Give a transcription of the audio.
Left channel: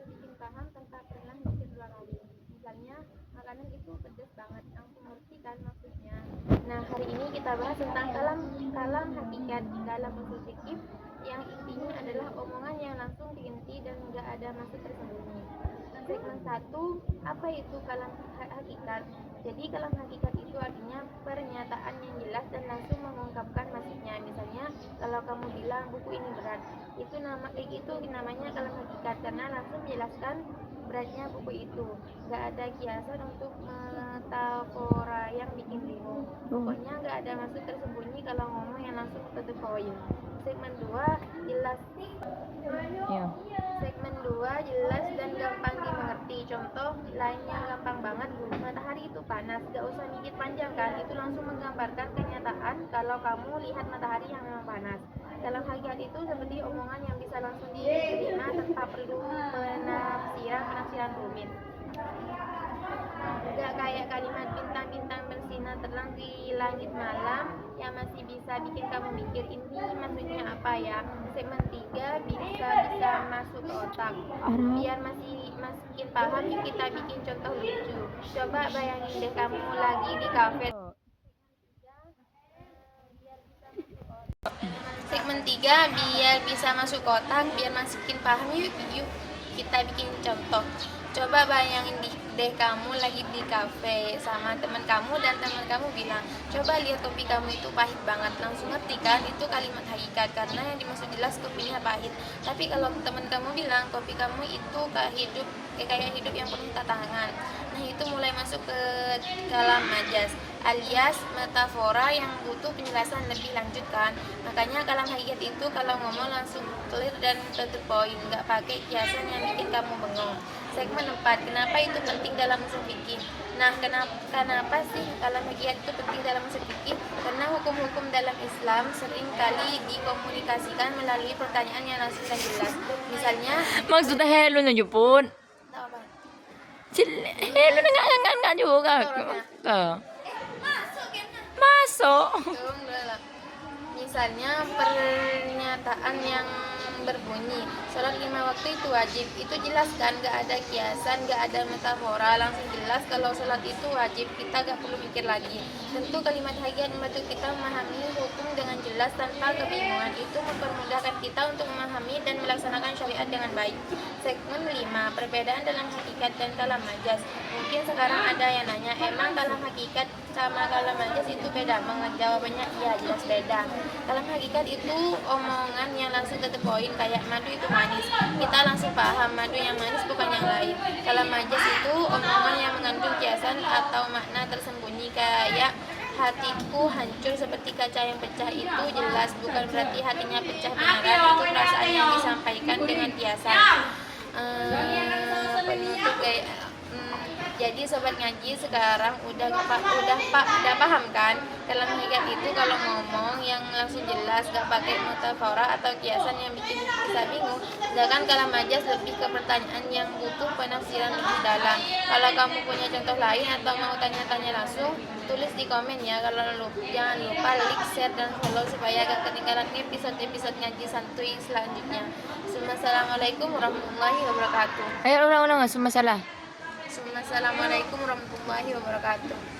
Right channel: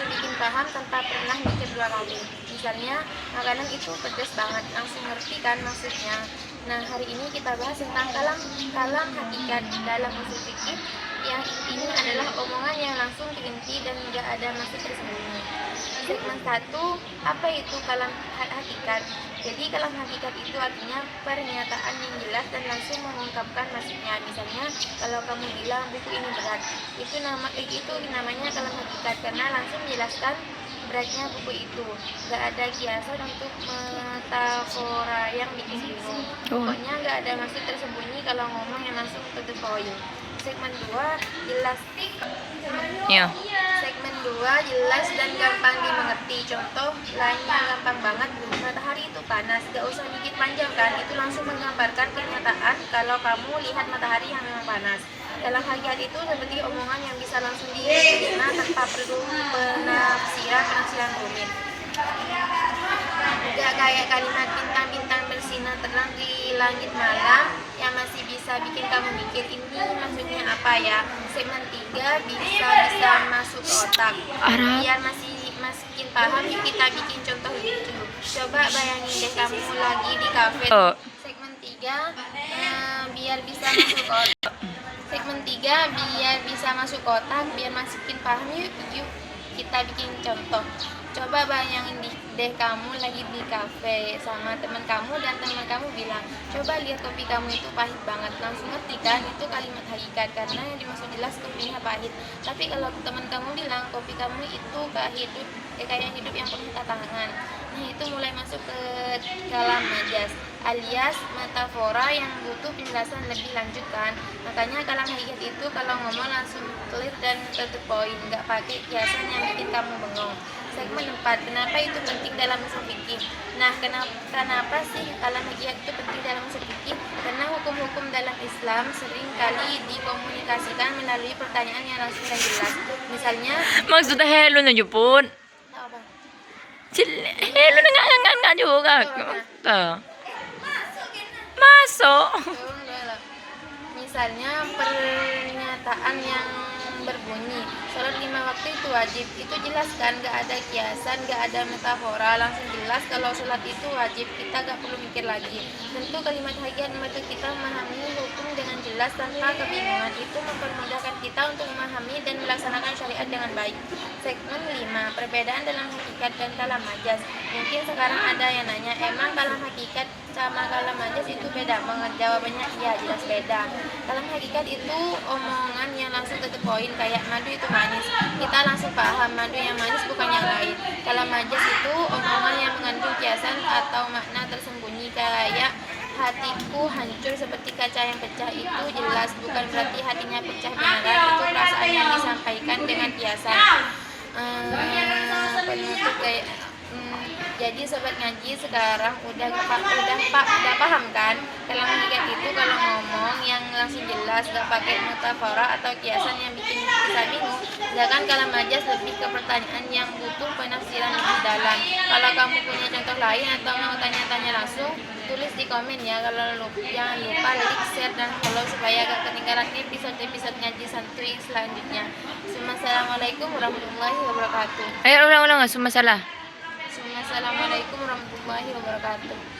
langsung bikin paham tanpa pernah mikir dua kali. Misalnya makanan itu pedas banget, langsung ngerti kan maksudnya. Nah, hari ini kita bahas tentang kalam hakikat dalam usul fikih, yang intinya adalah omongan yang langsung diinti dan nggak ada maksud tersembunyi. Segmen 1, apa itu kalam hakikat? Jadi kalam hakikat itu artinya pernyataan yang jelas dan langsung mengungkapkan maksudnya. Misalnya kalau kamu bilang buku ini berat, itu namanya kalam hakikat karena langsung menjelaskan beratnya buku itu. Gak ada kiasan untuk metafora yang bikin bingung. Pokoknya gak ada maksud tersembunyi kalau ngomong yang langsung to the point. Segmen 2, jelas. Segmen 2, jelas dan gampang dimengerti. Contoh lainnya gampang banget. Matahari itu panas, gak usah mikir panjang kan. Itu langsung menggambarkan kenyataan kalau kamu lihat matahari yang memang panas. Dalam hakikat itu seperti omongan yang bisa langsung diterima tanpa perlu penafsiran rumit. Gak kayak kalimat bintang-bintang bersinar terang di langit malam yang masih bisa bikin kamu mikir ini maksudnya apa ya. Segmen 3, bisa masuk ke otak. Biar makin paham, kita bikin contoh lucu. Coba bayangin deh kamu lagi di kafe. Segmen 3, biar bisa masuk ke otak. Segmen 3, biar bisa masuk kotak, biar masukin paham, yuk kita bikin contoh. Coba bayangin deh kamu lagi di kafe sama teman kamu dan teman kamu bilang, coba lihat kopi kamu itu pahit banget. Langsung ngerti kan itu kalimat hakikat karena yang dimaksud jelas kopinya pahit. Tapi kalau teman kamu bilang kopi kamu itu kayak hidup yang penuh tantangan, nah itu mulai masuk ke dalam majas alias metafora yang butuh penjelasan lebih lanjut kan. Makanya kalam hakikat itu kalau ngomong langsung clear dan to the point, nggak pakai kiasan yang bikin kamu bengong. Segmen 4, kenapa itu penting dalam usul fikih? Nah, kenapa sih kalam hakikat itu penting dalam usul fikih? Karena hukum-hukum dalam Islam sering kali dikomunikasikan melalui pertanyaan yang langsung dan jelas. Misalnya, maksudnya hello na Jepun. apa? Hello na nga juga. Masuk. Misalnya pernyataan yang berbunyi sholat 5 waktu itu wajib, itu jelas kan, gak ada kiasan, gak ada metafora, langsung jelas kalau sholat itu wajib, kita gak perlu mikir lagi. Tentu kalimat hakikat membantu kita memahami hukum dengan jelas tanpa kebingungan. Itu mempermudahkan kita untuk memahami dan melaksanakan syariat dengan baik. Segmen 5, perbedaan dalam hakikat dan kalam majas. Mungkin sekarang ada yang nanya, emang kalam hakikat sama kalam majas itu beda banget? Jawabannya iya, jelas beda. Kalam hakikat itu omongan yang langsung to the point, kayak madu itu manis, kita langsung paham madu yang manis bukan yang lain. Kalam majas itu omongan yang mengandung kiasan atau makna tersembunyi, kayak hatiku hancur seperti kaca yang pecah. Itu jelas bukan berarti hatinya pecah beneran, itu perasaan yang disampaikan dengan kiasan. Penutup kayak jadi sobat ngaji sekarang udah paham kan dalam hakikat itu kalau ngomong yang langsung jelas, gak pakai metafora atau kiasan yang bikin bisa bingung. Sedangkan kalam majas lebih ke pertanyaan yang butuh penafsiran lebih dalam. Kalau kamu punya contoh lain atau mau tanya-tanya langsung, tulis di komen ya. Jangan lupa like, share, dan follow supaya gak ketinggalan episode ngaji santuy selanjutnya. Assalamualaikum warahmatullahi wabarakatuh. Ayo ulang-ulang, nggak masalah. Assalamualaikum warahmatullahi wabarakatuh.